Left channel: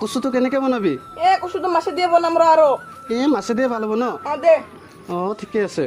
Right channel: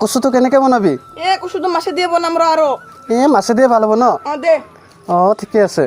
কচুটো কেনেকৈ বনাবি? কচুটো মাছে দিয়ে বনাম আৰু মাছে দিয়ে ভাল হ'ব ন? দে ঠিকে আছে।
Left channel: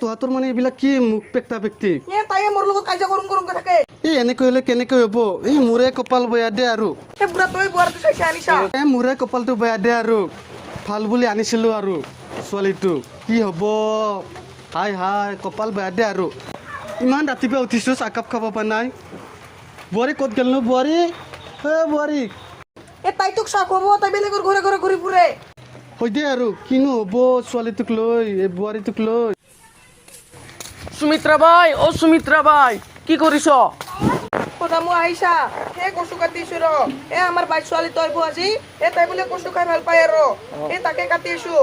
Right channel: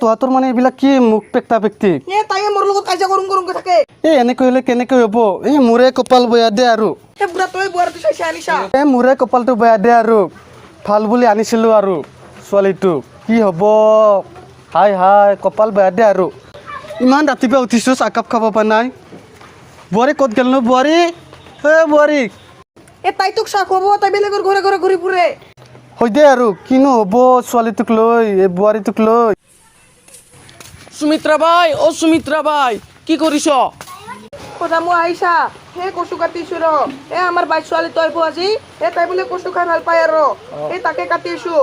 তোহাঁতৰ মানে এইবিলাক কি মুখ পেকটা পেকটি? তাইয়ে মোৰ লগত কাজিয়া কৰোঁ থাকে। এনেকৈ হ'লে কেনেকৈ হ'ব? মোৰে কপাল বেয়া দে আৰু। বুঢ়া তই বুঢ়াটো চাইছে আনিছা। মোৰে কপালটো বেয়া দে আৰু। ভাল বুলি আনিছিলোঁ আৰু ছোৱালীটো কি হ'ব? হাই কপাল বেয়া দে আৰু। ইমান ৰাতিপুৱা উঠিছোঁ চাহকাপ খাব পৰা নাই। বোৱাৰী ক'ত গ'ল নো? বোৱাৰী বোৱাৰী তাই তোক চাহ খুৱাব, তাই বেলেগৰ ঘৰে ঘৰে ঘূৰি ফুৰে। হৈ দে আৰু কিনো হ'ব ছোৱালীটোক লৈ, এই বোৱাৰীটোক লৈ। সুমিত্ৰা বাই কি কৰিছ? মই আহিছা কচু কাটিছো আমাৰ বাইক ছোৱালী তই আজি তাই বোলে কচু খাই ভাল পায় আৰু তাকে কাটিছো।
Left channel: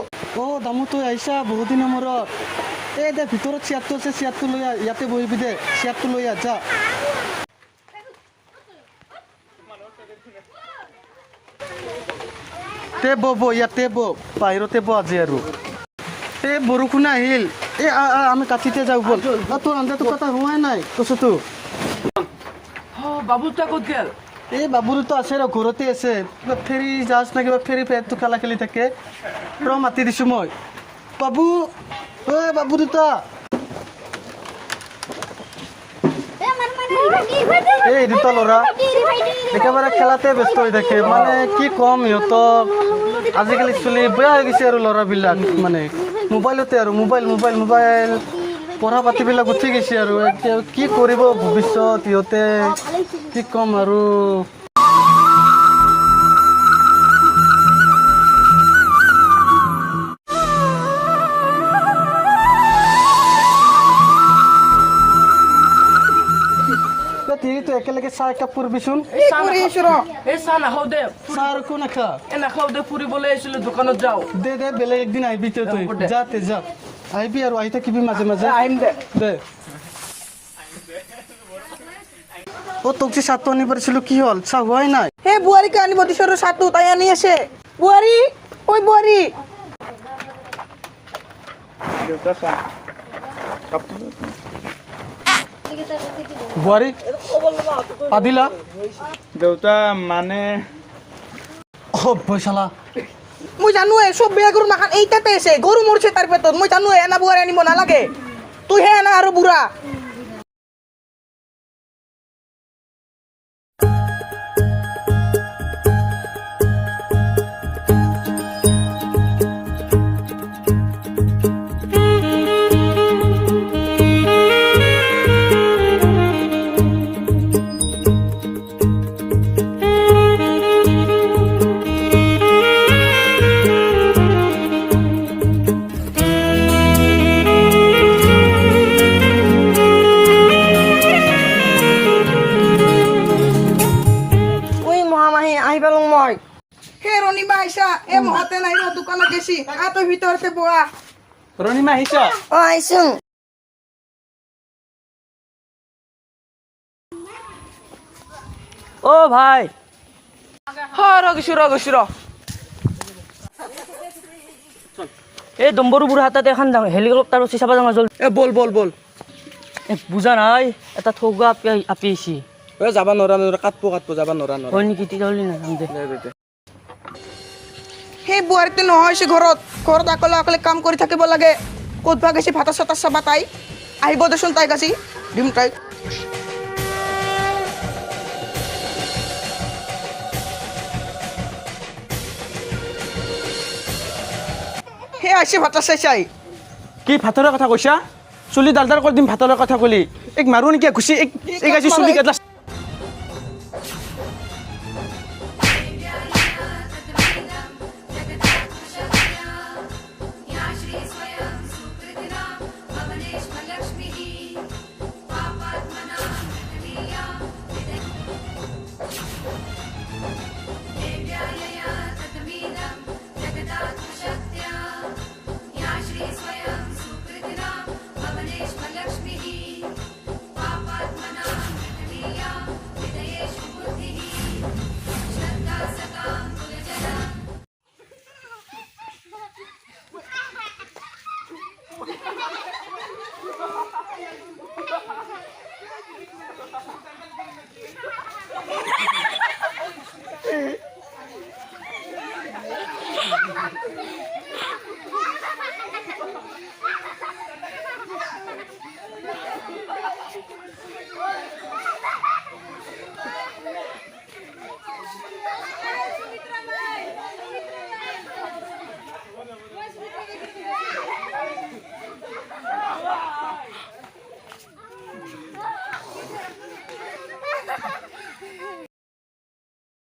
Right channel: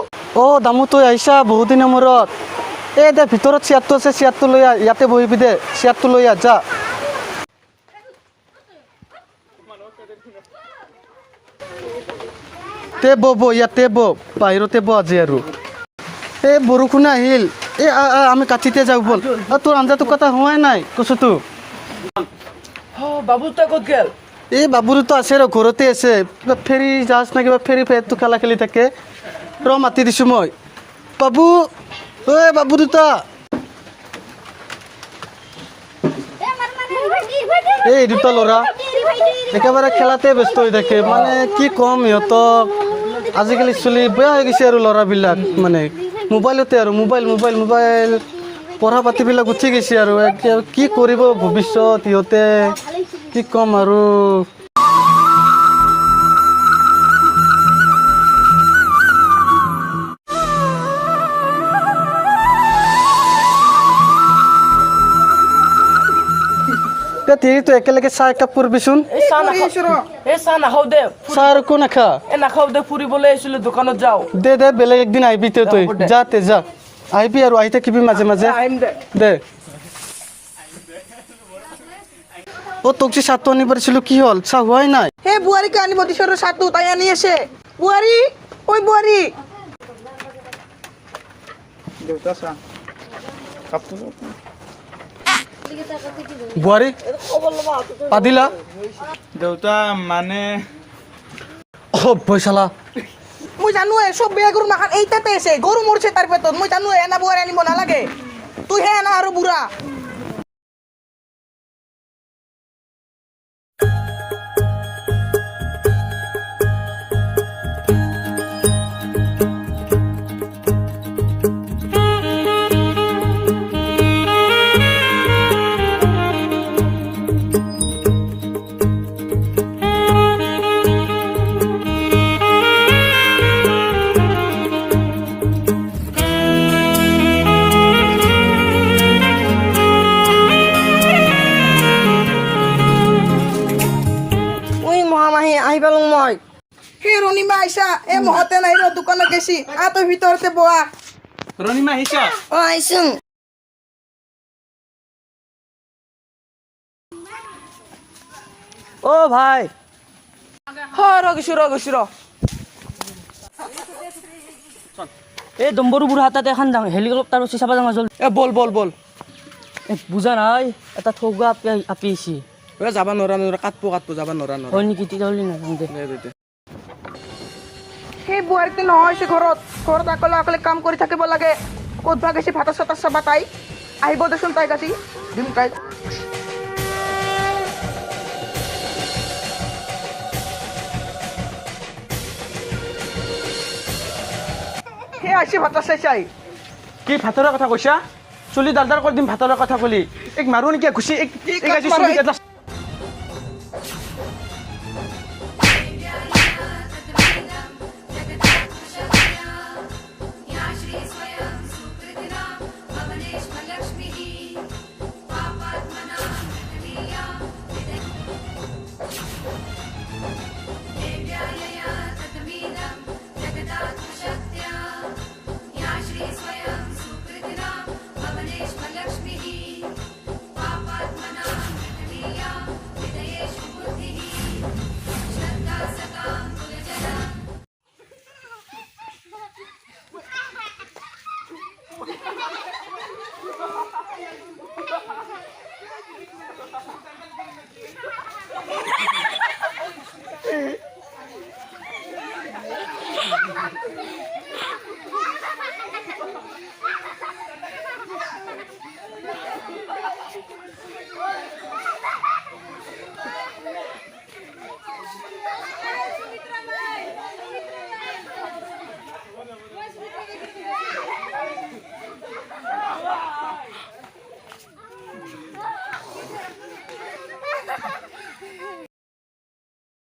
দামু তই আহিছা বহুত দিনৰ মূৰত। দে ভিতৰত চেয়াৰটো আছে, চেয়াৰটো লৈ আহ, ইয়াতে বহিবি দে, চেয়াৰটো লৈ আহ যা। ইয়াতে বাহিৰতে আজি আৰু বৰষুণ আহিল। আমি কাটিতে যাওঁ ব'ল। তোৰ আঞ্জাটো কটা হোৱাই নাই কচুটো। বাবুটা ক'ত গেল? বাবুৰোতো আছে ৰ, ঘৰতে আছে। কিবা ফেৰী জাহাজ নে কিবা ফেৰী ফেৰটো খেলি থাকে। মাতি দিছোঁ মই। বাবু বাবু দুটা এই দুটা ল'ৰা একেবাৰে খেলাতে ব্যস্ত হৈ থাকে। মানে কি ক'ম সিহঁতক, আজিকালি চলি বেয়া হৈ গৈছে আৰু ল'ৰাবিলাক। মানে মোবাইলতে আৰু মোবাইল পঢ়া পাতিবিলাক উঠি গৈছে আৰু কি কৰিব ভৱিষ্যত সিহঁতে, কি ক'ম আৰু। তো একেলগে চাহ একাপ কৰিবিচোন। চাহ নাখাওঁ দে। চাহ আৰু একো নাখা? নাখাওঁ দে, ফুৰিবলৈ আহিছিলোঁ, দোকানত যাওঁ। দে বেলেগ একদিন আহিবি তই যা আহিবি আৰু আহি থাকিবি মাজে মাজে। আহিম দে। তোক যে চাহটো আনিব পাৰিছিলোঁ, কি হ'ল? চাহ হোৱাই নাই। বোৱাৰীকে আনিব দিছো আৰু চাহটো তাই আনি আছে। বোৱাৰী বোৱাৰী বোৱাৰী পাদিলা দেউতা মানে পইচালা। মই জানো চব বেয়া গৰু মাখান এইটাতে আছে, গৰু মৰিছে তাৰ পেটত। মই জানো এনা বোৱাৰী আনিব নালাগে, তুইহে আনা আৰু বুঢ়া। আহি পালোঁ মই। ৰণীমা আহিছা? মহতে নাই ৰ, দোকানত গেছি। তই ভিতৰতে বহা। ৰণীমা আহিছা? আহিছোঁ। ভাই ৰগিছো ৰ। এই দম্বৰু বুঢ়া হাতত এখন হেলিকপ্টাৰ উঠি চাব যাওঁ জল। বল বুজা নাই, এটা ঠগা আপি আহিছি। যাব নোৱাৰা কাটব যাব নোৱাৰা। হয় নেকি? তেতিয়াহ'লে নাযাওঁ দে। বোৱাৰীটো নহয় ঘৰত অকলে কাম কৰি থাকিব লাগে। ক'ত ভাগ গৈছে ভাতা চাতা চাবা তাই। আহিব দেচোন তাইক আজি দিম তাইক। আহিছে ভাতা চাই। কি ভাতৰৰ কথা কৈছা? চুলি ডালডাল কৰি দিম ভাতৰৰ কথা ক'লি। মাৰো নেকি ঘুচি